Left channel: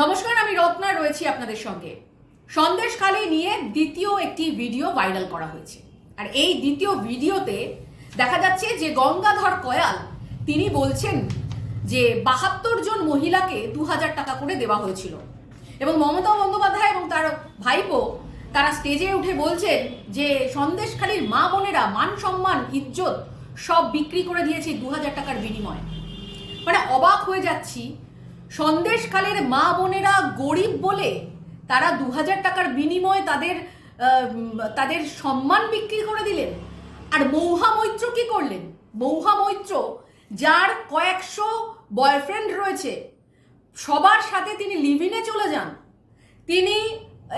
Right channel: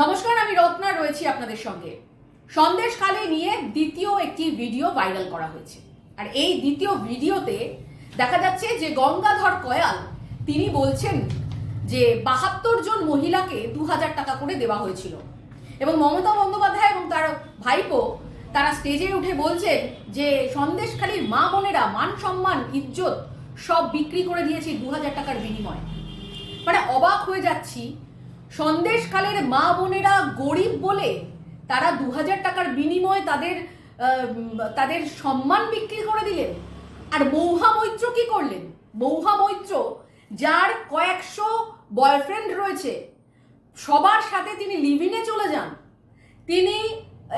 নমস্কার, আমি রত্না রয়েছি আপনাদের সঙ্গে। সন্দেশখালি নিয়ে দ্বিতীয় একটি ভিডিও ভাইরাল করা হয়েছে। আর এই দ্বিতীয় ভিডিওতে দেখা যাচ্ছে যে গঙ্গাধর কয়াল, তিনি বলছেন যে বাহাত্তর জন মহিলাকে দু হাজার টাকা করে দেওয়া হয়েছিল। এবং মমতা বন্দ্যোপাধ্যায় এবং তার ভাইপো, তারা স্টেজে উঠে বলছেন যে সন্দেশখালীর মা বোনেরা মান সম্মান, ইজ্জত সব বিক্রি করে দিয়েছে দু হাজার টাকার বিনিময়ে। মানে অবাক হয়ে যাচ্ছি সন্দেশকালের মা বোনেরা গরিব বলে তারা দু হাজার টাকার বিনিময়ে তাদের তাদের সম্মান বিক্রি করে দিলেন। আর মৌহা মৈত্র কি করলেন? মৌহা মৈত্র, যার কয়েকশো বয়ফ্রেন্ড রয়েছে, সবার সাথে তিনি লিভিনে চলে যান। তিনি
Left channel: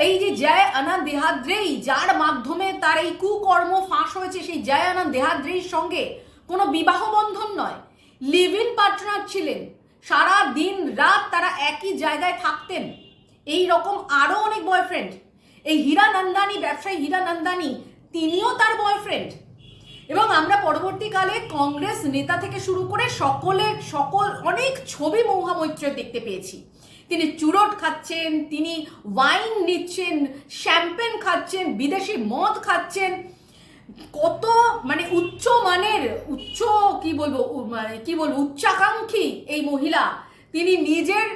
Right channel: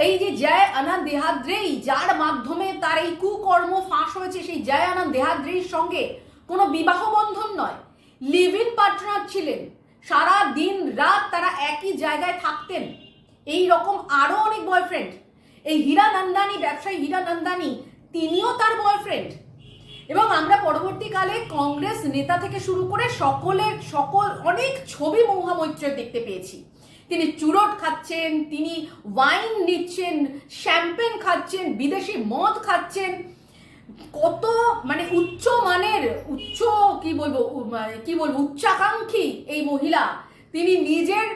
এই যে জয় আনন্দ দেহাদ্রেই, যার মাধ্যমে তার এই কুকর্ম ফাঁস হয়েছে, সেই জয় আনন্দ দেহাদ্রেইর সঙ্গে কোনো বিবাহ বন্ধন নয়। লিভ ইন পার্টনার ছিলেন। সারা দিন রাত তারা একই জায়গায় থাকতেন। এই রকম আরও অনেক বয়ফ্রেন্ড এই হীরা নন্দানি, ব্যবসায়ী হীরা নন্দানি, তিনিও তার বয়ফ্রেন্ড এবং আমরা পরবর্তীকালে কংগ্রেস নেতা থেকে শুরু করে সকলের, সকল অনেক ছবি মৌহা মৈত্রের দেখতে পেয়েছি। তিনি চুরট খাচ্ছেন, তিনি ওয়াইন নিচ্ছেন শ্যাম্পেন খাচ্ছেন, বিদেশি মদ খাচ্ছেন। কত মানে উচ্চ মানের, উচ্চ বলব কি বলব, উচ্চাকাঙ্ক্ষী এই মহিলা। তিনি নিজের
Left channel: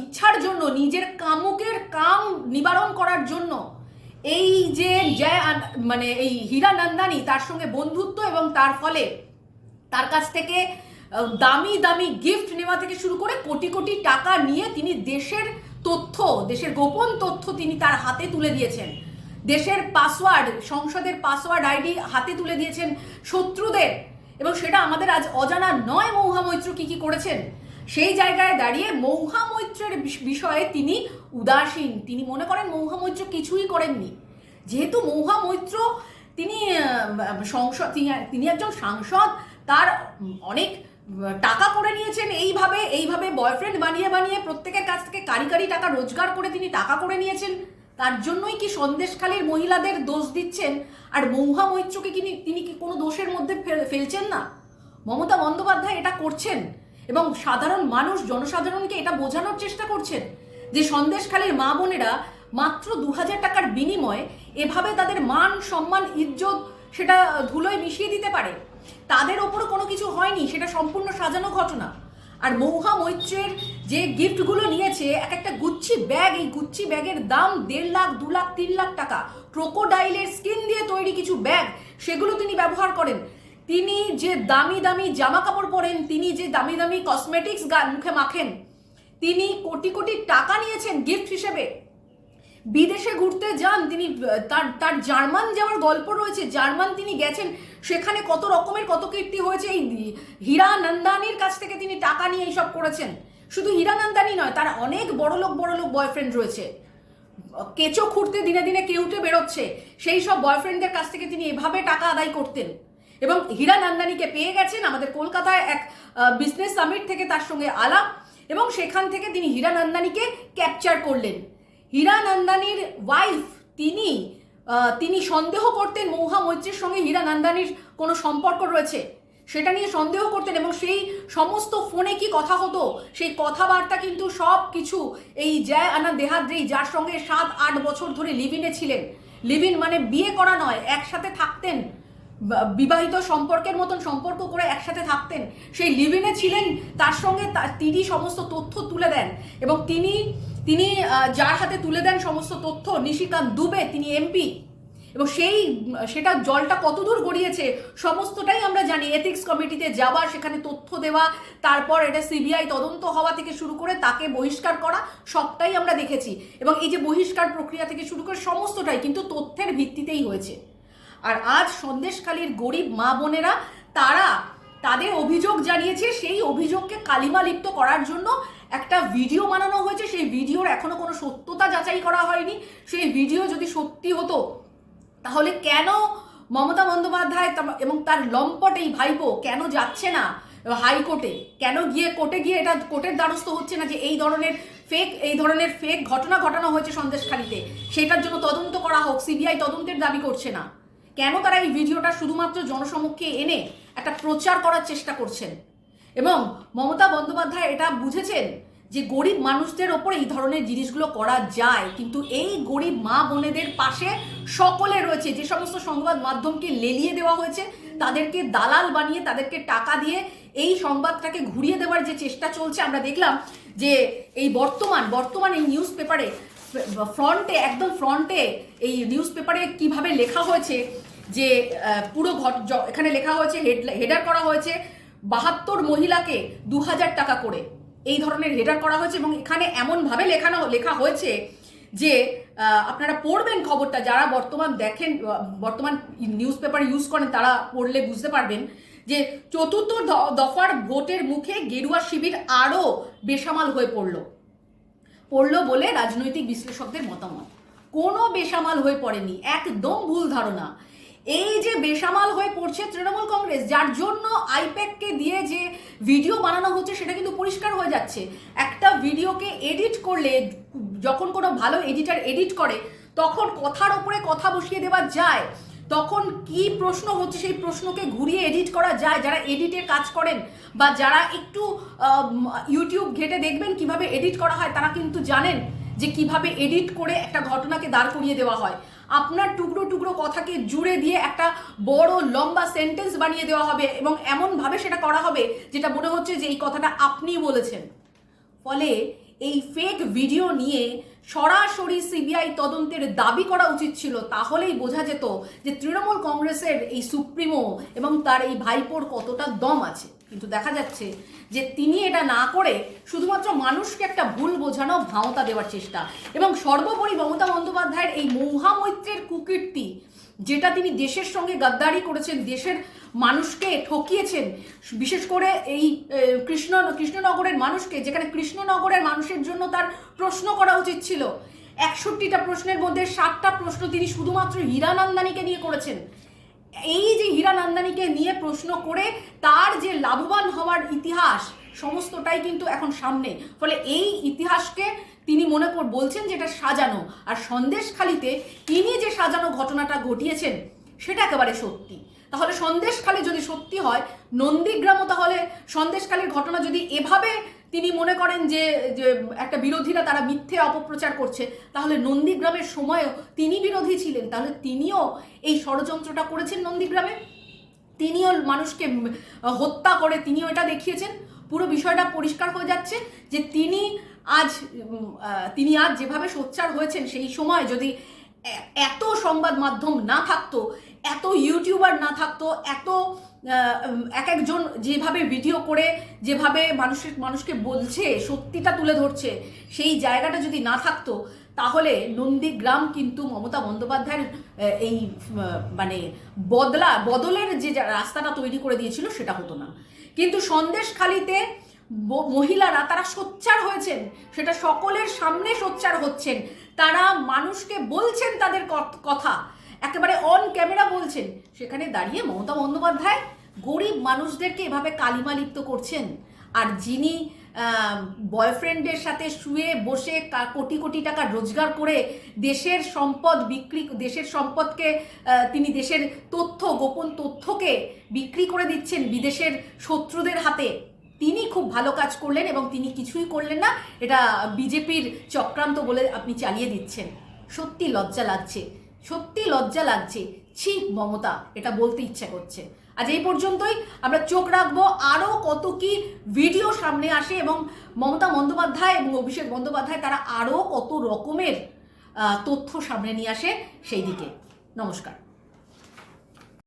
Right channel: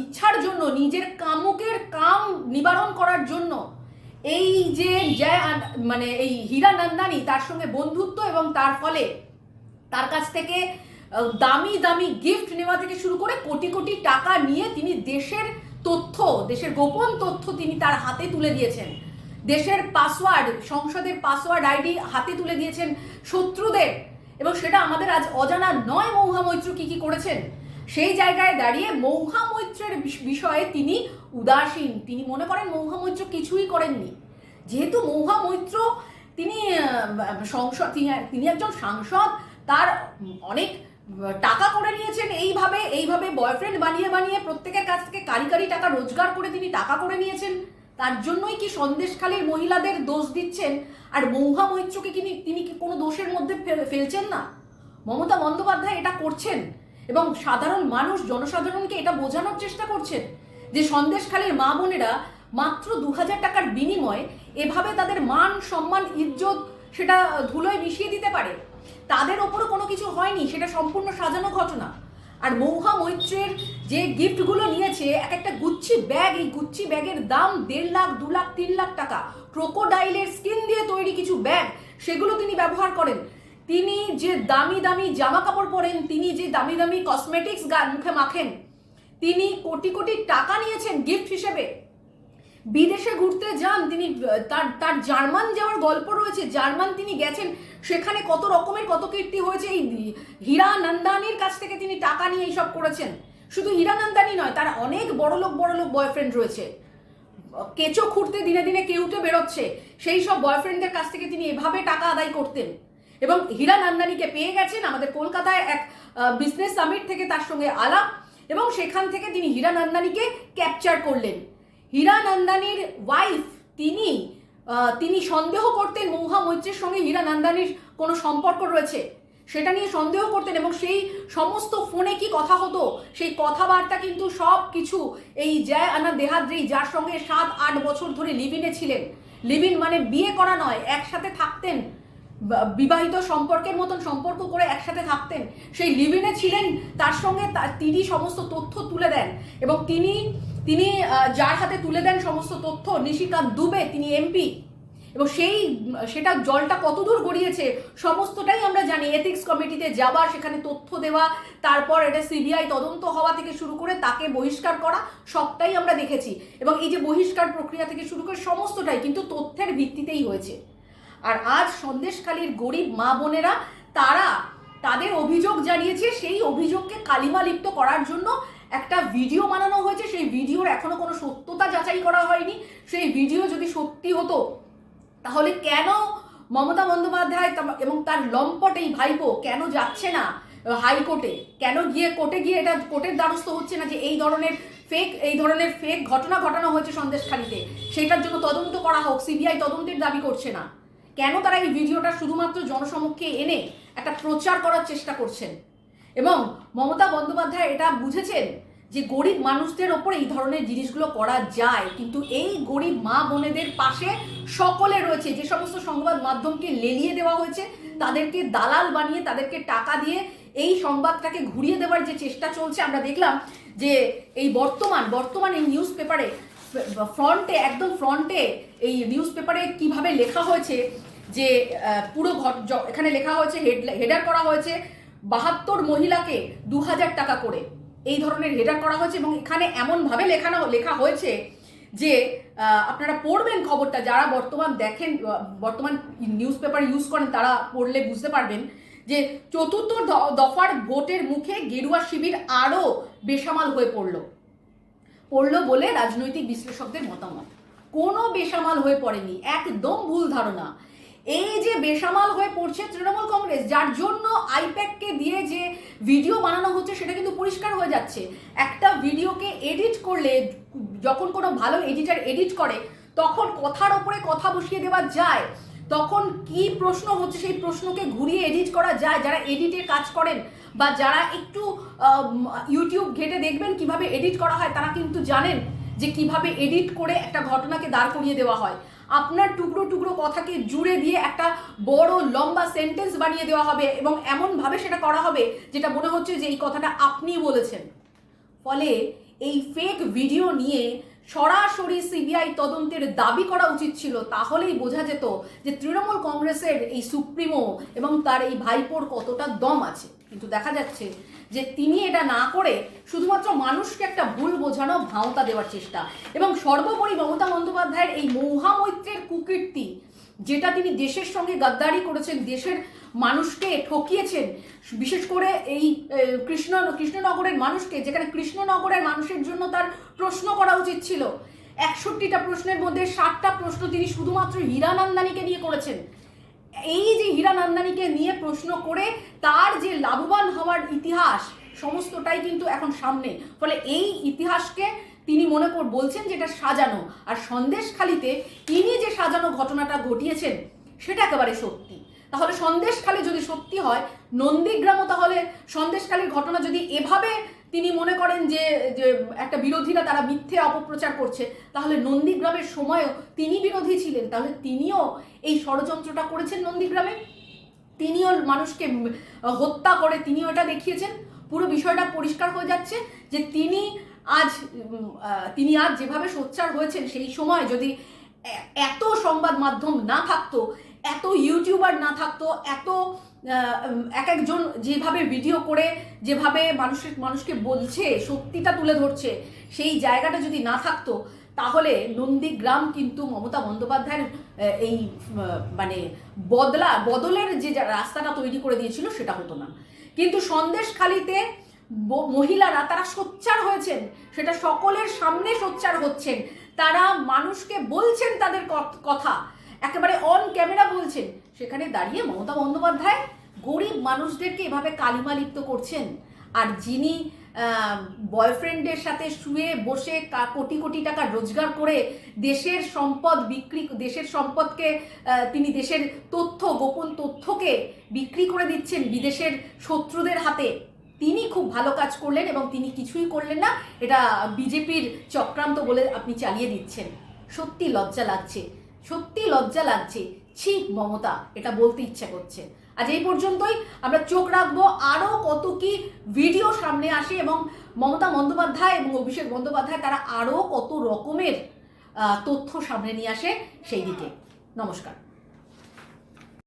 ইচ্ছার জন্য, নিজের কামুকের কাম নিবারণ করার জন্য এই যে মানে এই হীরা নন্দানি, তার সঙ্গে বন্ধুত্ব এবং তার ফলে তার কাছ থেকে দামি দামি গিফট নেওয়া থেকে শুরু করে কোটি কোটি টাকা নিয়ে তিনি দেশের তথ্য, দেশের গোপন তথ্য তিনি তার হাতে তুলে দিয়েছেন। দেশের পাসওয়ার্ড সংসদের পাসওয়ার্ড আইডি হাতে তুলে দিয়েছেন শত্রুদের। এবং সেটা আমাদের আজ অজানা নয় মৌহা মৈত্র কি কি করেছেন? সেই জায়গায় দাঁড়িয়ে মৌহা মৈত্রের বিষয়ে তিনি উদাসীন। তিনি মনে করেন মৌহা মৈত্র কিছুই করেননি। যেহেতু মৌহা মৈত্র তিনি সংসদ, তিনি- একজন সাংসদ, তার অনেক টাকা করে নিয়েছেন এইভাবে এইভাবে বয়ফ্রেন্ড বানিয়ে বানিয়ে প্রত্যেকের কাছ থেকে কারি কারি টাকা রোজগার করে তিনি টাকা করে নিয়েছেন। তার জন্যই কি সন্দেশখালীর মহিলাদের দোষ দিচ্ছেন? আর মৌহা মৈত্রকে কি তিনি কি কোনো দোষের মধ্যে ফেল- ফেলছেন না? মমতা বন্দ্যোপাধ্যায় এটা করছেন এবং সাধারণ মানুষ, জনসাধারণকে এটা বোঝানোর চেষ্টা করছেন যে সন্দেশখালীর মা বোনেরা মাত্র দু হাজার টাকার বিনিময়ে এভাবে তাদের মান, সম্মান, ইজ্জত সেটা ধুলোয় মিশিয়ে দিতে পারে। তাদের ওপরও কোনো কিছু হয়নি, সেটা সম্পূর্ণ সাজানো ঘটনা। আর মৌহা মৈত্রের যে গিফটগুলো নিয়েছে এক একটা গুচ্ছি ব্যাগ এই গুচ্ছি ব্যাগের দাম দেড় লাখ, দু লাখ, তিন লাখ টাকা। ক্রোকোডাইলের স্কিন দিয়ে তৈরি কিছু ব্যাগ সেগুলো তিনি ব্যবহার করেন। তিনি যে দামি দামি জামা কাপড় পরেন, তিনি যে দামি দামি কসমেটিক্স মুখে মাখেন, তিনি কোটি কোটি টাকা নিয়েছেন গিফট হিসেবে। বিদেশে ঘুরতে যান, তিনি তার তার জার্মান যাওয়ার গল্প রয়েছে, জার্মান তিনি গেছেন, সেখানে কত রকমের কত কীর্তি হয়েছে, এই হীরা নন্দানির কাছ থেকে তিনি টাকা নিয়ে এইসব করেছেন। শুধু হীরা নন্দানি নয়, তার অনেক বড় লোক বড় লোক বয়ফ্রেন্ড রয়েছে। কেঁচো খুঁড়তে দিনে দিনে কেউ কেউটে বেরোচ্ছে, সেই সব বয়ফ্রেন্ডদের কাছ থেকে তিনি এভাবে টাকা আদায় করতেন। এবং হীরা নন্দানিকে পেয়ে গেছেন আমাদের কলকাতায় এক বিজনেস সামিট থেকে তার সঙ্গে আলাপ, এবং সেখান থেকে তিনি হীরা নন্দানিকে ক্যাপচার করলেন। হীরা নন্দানির ওয়াইফ তিনি তিনি সন্দেহ করতেন মৌহা মৈত্রের সঙ্গে হীরা নন্দানির কোনো সম্পর্ক রয়েছে। সেটা নিয়ে সন্দেহ করতেন এবং সেই সমস্ত ফোনে কি কথা হতো, সেই কথাবার্তা কিন্তু সব কিছু এই জয় আনা দেহাদ্রি, যার সঙ্গে সাত, আট বছর ধরে লিভিনে ছিলেন। লিভিন মানে বিয়ে করা নয়, একসাথে থাকতেন। বিবাহিত সম্পর্কের মতন সম্পর্ক করে একসাথে থাকতেন, সেই লিভিনে ছিলেন, তার সঙ্গে তিনি সমস্ত তথ্য তুলে দেন এবং তিনি তিনি যার সাথে তুলে দেন সমস্ত তথ্য, নিশিকান্ত দুবে, তিনি এমপি এবং সেই, সেটা জলটা কতদূর গড়িয়েছে সমস্তটাই আমরা জানি। এথিক্স কমিটিতে যাওয়া, সেখানে তথ্য দেওয়া, তারপর এটা সিবিআই তদন্ত হওয়া থেকে শুরু করে তাকে বহিষ্কার করা, সবটাই আমরা দেখেছি এবং এই যে বহিষ্কার প্রক্রিয়া থেকে শুরু করে সমস্তটাই কিন্তু তথ্যের ভিত্তিতেই হয়েছে। আর আজ সন্দেশখালীর গরিব মা বোনেরা, তারা তাদের অভিযোগ জানিয়েছে, সেই অভিযোগকে কালিমা লিপ্ত করার জন্য একটা ভিডিও বানানো হয়েছে। সেই ভিডিওর এখনও কোনো সত্যতা যাচাই করা হয়নি। সেই ভিডিও যদি সত্যি হতো, তাহলে কেন মমতা বন্দ্যোপাধ্যায় এবং তার লম্পট এই ভাইপো কেন যাচ্ছে না হাইকোর্টে? কেন গিয়ে কোর্টে গিয়ে এটা কোর্টের দ্বারস্থ হচ্ছে না যে এই ধরনের ফেক এই ধরনের ফেক ঘটনা ঘটানো হয়েছে সন্দেশখালীতে? সেটার জন্য তদন্ত করা হোক, সিবিআই তদন্তের দাবি করছে না। কেন তারা এই ভিডিওটা শুধুমাত্র জনসমক্ষে এনে একটা প্রচার করার চেষ্টা করছেন? এবং মমতা বন্দ্যোপাধ্যায় এটা বুঝেছেন যে গরিব মানুষদের ওপর এই ধরনের জিনিসগুলো করা যায়, কিন্তু এই গরিব মা বোনেদের পাশে সকলে রয়েছে, যে সমস্ত সংবাদ মাধ্যমকে লেলিয়ে দেওয়া হয়েছে, তাদেরকে দালাল বানিয়ে, তাদেরকে টাকা দিয়ে এই সংবাদটাকে ঘুরিয়ে দেওয়ার যে চেষ্টা চলছে, আমরা দেখলাম যে এই বর্তমান বর্তমান এই নিউজ পেপারে ফ্রন্টে, একদম ফ্রন্টে এই নিউজ পেপারে কীভাবে লেখা হয়েছে যে পুরো ঘট এখানে লেখা হয়েছে হেডার করা হয়েছে বাহাত্তর মহিলাকে দু হাজার টাকা করে। এই ধরনের হেডার করা হয়েছে এবং এখানে এমনভাবে লেখানো, লেখা হয়েছে যে আপনারা পড়বেন খবরটা, যারা বর্তমান দেখেন বর্তমান নিউজ পেপার ইউজ করেন, তারা পড়লে বুঝতে পারবেন যে, চতুর্থ দফার ভোটের মুখে গেরুয়া শিবির আরও বেসামাল হয়ে পড়ল। পড়ল বলে রাজনৈতিক বিশ্লেষকদের মতামত। কোনো বেসামাল হয়ে পড়েনি, একদম ভুল ধারণা। এই যে বেসামাল হয়ে পড়ছে তৃণমূল কংগ্রেস, যার জন্য আইপ্যাককে দিয়ে যে ভিডিও বানানো হচ্ছে সেটা কিন্তু পরিষ্কার হয়ে যাচ্ছে। একটা ভিডিওকে এডিট করলে, যখন কোনো ভালো এডিটার এডিট করে, তখন কথার ওপরে কথা বসিয়ে দেওয়া যায়। তখন কি প্রশ্ন হচ্ছে সেই প্রশ্নকে ঘুরিয়ে এডিট করা যায়? যারা এডিটের কাজ করেন বা যারা একটু ইউটিউব ঘেটে দেখবেন কীভাবে এডিট করা হয়, তারা কিন্তু জানেন যে কীভাবে এডিট করে একটা ঘটনাকে দাঁড় করিয়ে দেওয়া হয়। আপনার টুকরো টুকরো কথাকে জুড়ে দিয়ে একটা বড়, লম্বা সেন্টেন্স বানিয়ে দেওয়া হবে এবং এমনভাবে সেটা করা হবে যেটা মনে হচ্ছে যে এই কথাটা আপনিই বলেছেন। ফলে এই ফেক ভিডিও নিয়ে সরাসরি সিবিআই তদন্তের দাবি করা উচিত ছিল, তাহলেই বোঝা যেত যে তৃণমূল কংগ্রেসের এই সুপ্রিমো এবং তার এই ভাইপোর কতটা দম আছে। কিন্তু দেখা যাচ্ছে যে তিনি এটা না করে শুধুমাত্র মানুষকে একটা ভুল বোঝানো ভাওতা দেওয়ার চেষ্টা এবং সর্বোপরি মমতা বন্দ্যোপাধ্যায়ের এই মহামৈত্রের কুকীর্তি, যেটা তিনি দেশের সঙ্গে গাদ্দারি করেছেন, দেশের মানুষকে ঠকিয়েছেন। বিশেষ করে এই কৃষ্ণ, কৃষ্ণনগরের মানুষকে, যেখানে কৃষ্ণনগরের মানুষের জন্য তার প্রশ্ন করা উচিত ছিল। একষট্টিটা প্রশ্নের মধ্যে সাতটা প্রশ্ন তিনি শুধুমাত্র হীরানন্দানীকে নিয়ে করেছেন। এই যে হীরানন্দানীকে নিয়ে প্রশ্ন করে তার যে লাভবান হওয়ার ইতিহাস, সমস্তটাই কিন্তু এখন সামনে। ফলে এই ইতিহাসকে তিনি মনে কর, বলছেন যেটা সাজানো। আর সন্দেশখালিতে তিনি যে সাজানো ঘটনাটা ঘটিয়েছেন, সেটা একেবারে সত্যি। তাহলে সন্দেশখালি যদি সত্যি হয়, নন্দীগ্রামও তাহলে সন্দেশখালির ঘটনা যদি এভাবে তিনি মনে করেন যে যে একটা বিরোধীরা তারা মিথ্যে অপপ্রচার করছে, তাহলে নন্দীগ্রামের সময়ও তিনি বিরোধী ছিলেন। তাহলে তিনিও এই ষড়যন্ত্রটা করেছেন নন্দীগ্রামে? তিনিও মানুষকে হত্যা করে তিনিও এটা দেখিয়েছেন? পুরো বিষয়টা পরিষ্কার হয়ে যাচ্ছে যে তিনি আজ তিনি আজ যেভাবে সোচ্চার হয়েছেন, সেই সময় যদি এত সংবাদ মাধ্যম না থাকতো এত ইউটিউবার না থাকতো, এত এক একজন যেভাবে ভিডিও করে, যেভাবে মানুষের মানুষকে বলছে, সত্যিটা তুলে ধরছে, সেই জায়গাটা যদি না থাকতো, তাহলে নন্দীগ্রাম কিন্তু মমতা বন্দ্যোপাধ্যায়ের এই মানে বদলা, বদলের যে রাস্তাটা তৈরি করে দিয়েছিল, সেটা হতো না। কিন্তু সন্দেশখালিতে মহিলারা তারা সোচ্চার হয়েছেন, সেটা সকলের সামনে সোচ্চার হচ্ছেন, তারা মানুষকে বলছেন তাদের কথা। একেবারে অন ক্যামেরা বলছেন। সেখানে দাঁড়িয়ে মমতা বন্দ্যোপাধ্যায় গরিব মানুষদেরকে এভাবে কালিমা লিপ্ত করছেন। আর যিনি বয়ফ্রেন্ডের সাথে শুয়ে বসে কোটি কোটি টাকা রোজগার করে দেশের সম্পদ বিক্রি, দেশের সম্পদকে তিনি দেশের তথ্য, গোপন তথ্যকে বিক্রি করে দিচ্ছেন বিদেশের শত্রুদের হাতে। তিনি খুব ভালো কাজ করলেন এবং তিনি কিছুই করলেন না। এটা বিজেপির চক্রান্ত বলে আপনি চালিয়ে দিচ্ছেন। সত্যি লজ্জা লাগছে। সত্যি লজ্জা লাগছে। ছি, মমতা, এটা বলতে ইচ্ছা করছে। আজ এই পর্যন্তই, আমরা চোখ রাখব আরও কত কি ভিডিও সামনে আসে এবং মমতা বন্দ্যোপাধ্যায় এবং অভিষেক বন্দ্যোপাধ্যায়, তারা আরও কত রকমের তথ্য সামনে নিয়ে আসে সেই দিকে। নমস্কার।